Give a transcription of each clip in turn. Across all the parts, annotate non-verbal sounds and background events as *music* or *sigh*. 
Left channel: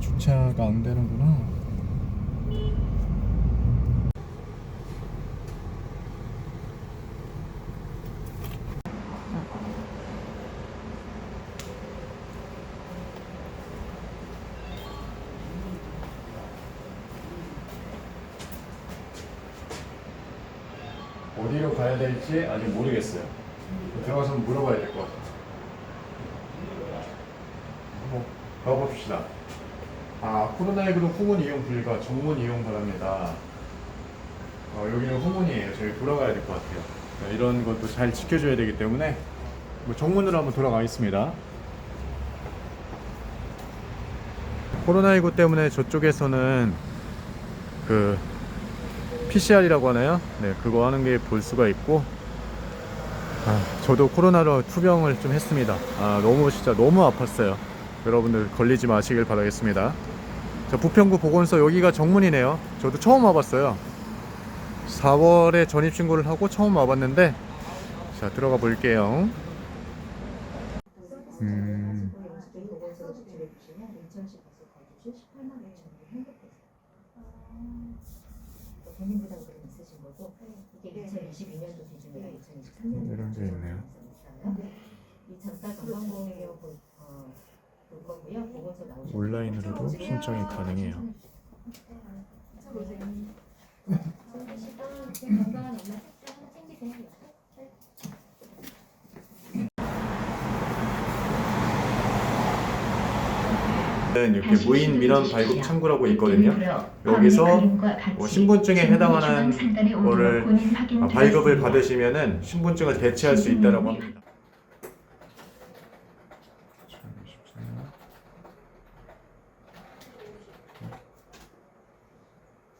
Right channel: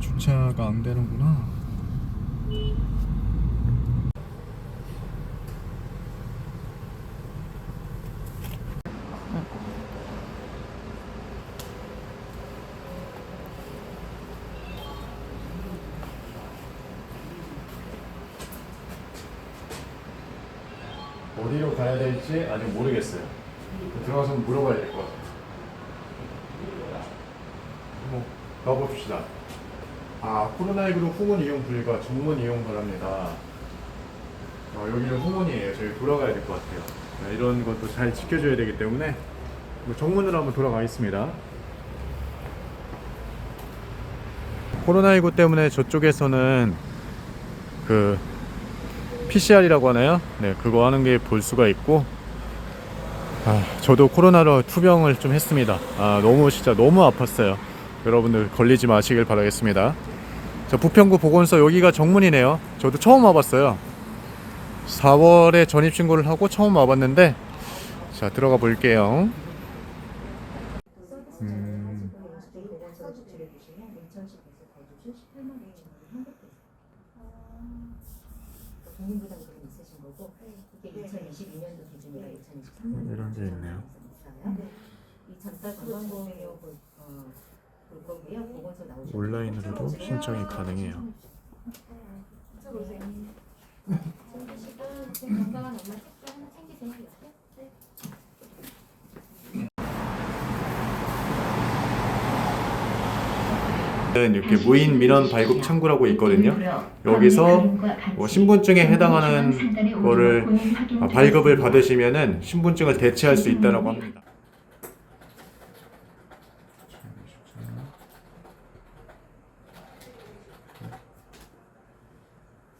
주차가 안 되는구나. 어디로 가야 될지 아직 모르겠어요. 들어가서 물어봐야 될 것 같아요. 한번 가봅시다. 아, 코로나19로 후문 이용 불가, 정문 이용 바랍니다. 어, 여기는 후문이에요. 저희 돌아가야 될 것 같아요. 네, 이런 것도 잘 지켜줘야 되기 때문에 뭐 정문으로 한번 돌아가겠습니다. 코로나19 때문에 저쪽에서는 그 PCR이라고 하나요? 네, 그거 하는 게 볼 수가 있고, 아, 저도 코로나로 투병을 좀 했습니다. 아, 너무 진짜 너무 아팠어요. 여러분들 걸리지 마시길 바라겠습니다. 저 부평구 보건소 여기가 정문이네요. 저도 처음 와봤어요. 4월에 전입 신고를 하고 처음 와봤는데, 자 들어가 볼게요. 음, 보건소로 제출해 주시면 인천시에서 거주시 18만 5천 원이 환급돼요. 개인 부담 그림 있으신 거고 이게 2022년도 기준이라 2023년도 이런 게 있네요. 볼, 거고요. 보건소 나오시면 온라인으로도 신청이 가능해요. 챙기시고 건강한 엄마 책도 하나 챙기세요. 이렇게 무인 민원 발급 창구라고 있거든요. 여기서 뭐 신분증에 해당하는 거를 아, 발급을 받으시면은 신분증을 대체할 수 있다라고 합니다. 주소 맞으시나요? 네.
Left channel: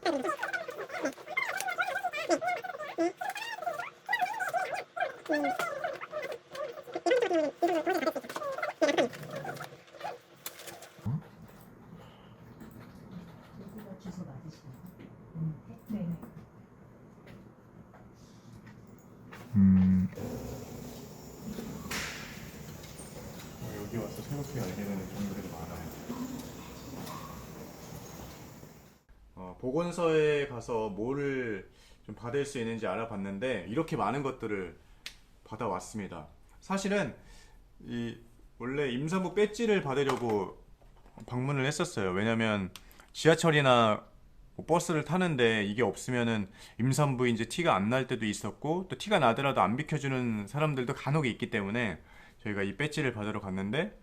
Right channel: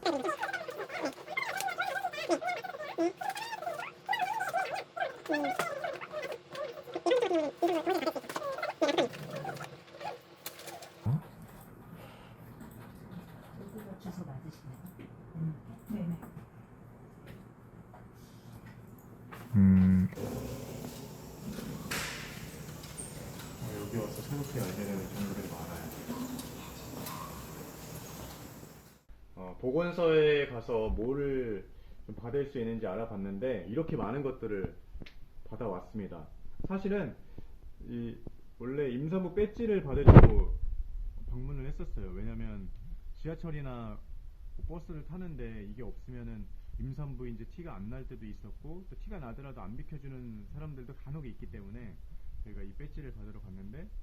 음. 어, 여기 와서 새롭게 알게 되는 점들이 많아요. 어, 보건소에 가서 뭐를 좀 받을 수 있는지 알아봤는데 이렇게 많은 것들을 받아왔습니다. 사실은 이 원래 임산부 배지를 받으려고 방문을 했었어요. 왜냐면 지하철이나 뭐 버스를 타는데 이게 없으면은 임산부인지 티가 안 날 때도 있었고 또 티가 나더라도 안 비켜주는 사람들도 간혹 있기 때문에 저희가 이 배지를 받으러 갔는데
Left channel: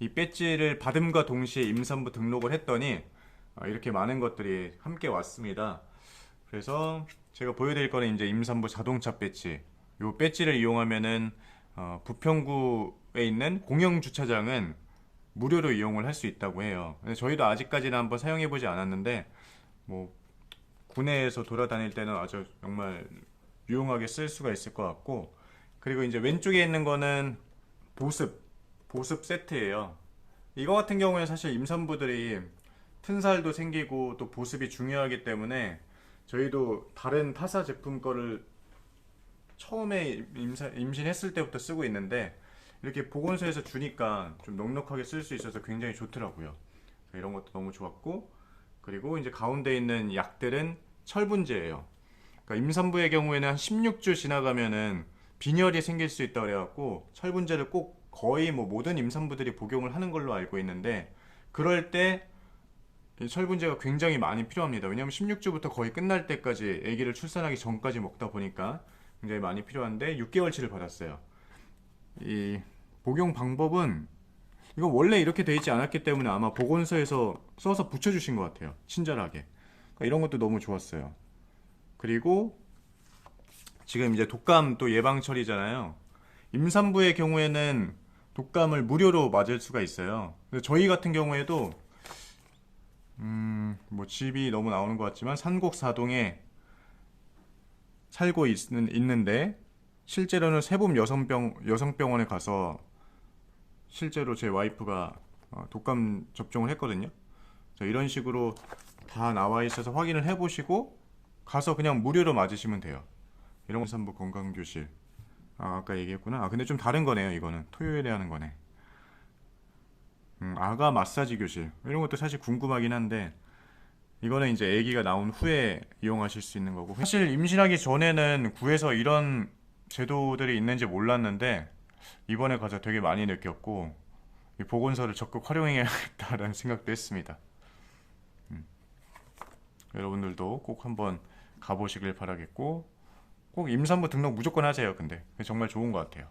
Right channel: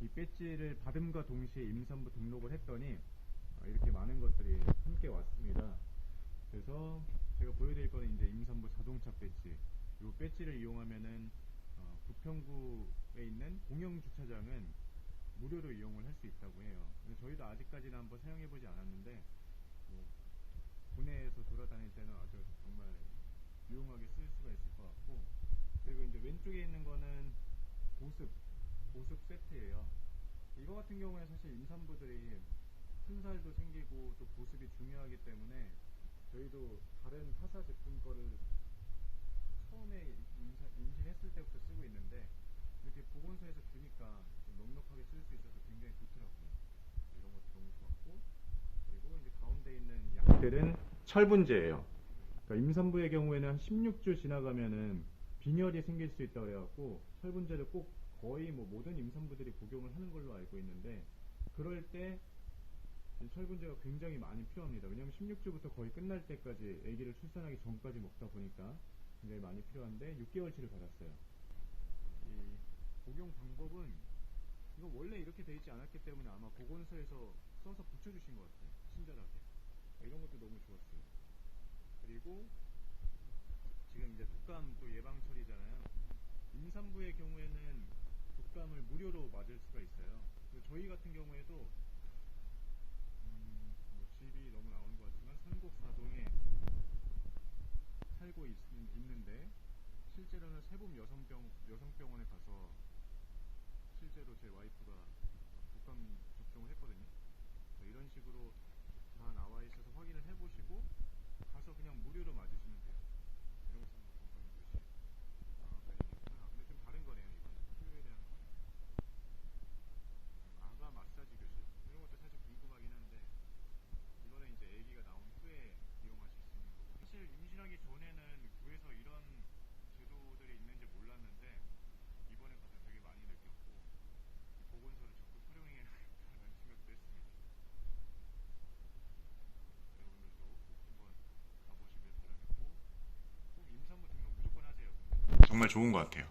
이 배지를 받음과 동시에 임산부 등록을 했더니 아, 이렇게 많은 것들이 함께 왔습니다. 그래서 제가 보여드릴 거는 이제 임산부 자동차 배지. 이 배지를 이용하면은 어, 부평구에 있는 공영 주차장은 무료로 이용을 할 수 있다고 해요. 저희도 아직까지는 한번 사용해 보지 않았는데 뭐 구내에서 돌아다닐 때는 아주 정말 유용하게 쓸 수가 있을 것 같고 그리고 이제 왼쪽에 있는 거는 보습 보습 세트예요. 이거 같은 경우에 사실 임산부들이 튼살도 생기고 또 보습이 중요하기 때문에 저희도 다른 타사 제품 거를 처음에 임사, 임신 했을 때부터 쓰고 있는데 이렇게 보건소에서 주니까 좀 넉넉하게 쓸 수 있어서 굉장히 좋더라고요. 이런 것도 너무 좋았고 그리고 이제 가운데 있는 약들은 철분제예요. 그러니까 임산부의 경우에는 한 16주 지나가면은 빈혈이 생길 수 있다 그래갖고 철분제를 꼭 거의 뭐 모든 임산부들이 복용을 하는 걸로 알고 있는데 그럴 때이 철분제가 굉장히 많이 필요합니다. 왜냐하면 16주부터 거의 끝날 때까지 아기를 출산하기 전까지 먹다 보니까 굉장히 많이 필요한데 6개월치를 받았어요. 이 복용 방법은 이거 원래 이렇게 돼 있지 않았기 때문에 아마 보건소에서 써서 붙여주신 것 같아요. 친절하게. 그러니까 이런 것도 너무 좋았어요. 그리고 지금 이제 독감 또 예방철이잖아요. 임산부의 경우에는 독감을 무료로 맞을 수가 있어요. 저희 같은 경우에도 음, 뭐 집이 너무 나오는 것 같지만 산곡사동에 살고 있는, 있는데 실제로는 세봄 여성병 여성병원에 가서 실제로 제 와이프가 어, 독감 접종을 했거든요. 이런 식으로 다 나와 있어서 확인을 해보시고 가서 그냥 무료로 맞으시면 돼요. 이런 산부 건강교실. 아, 아까 얘기했구나. 아, 근데 좀 다른 거네요. 이거는 토요일에 하는 거네. 음, 아가 마사지 교실 이런 것도 사실 궁금하긴 한데 이거는 이제 아기가 나온 후에 이용하실 수 있는 거고 사실 임신하기 전에는 구에서 이런 제도들이 있는지 몰랐는데 이번에 가서 되게 많이 느꼈고 이 보건소를 적극 활용해야겠다라는 *laughs* 생각도 했습니다. 음. 여러분들도 꼭 한번 가보시길 바라겠고 꼭 임산부 등록 무조건 하세요. 근데 정말 좋은 것 같아요.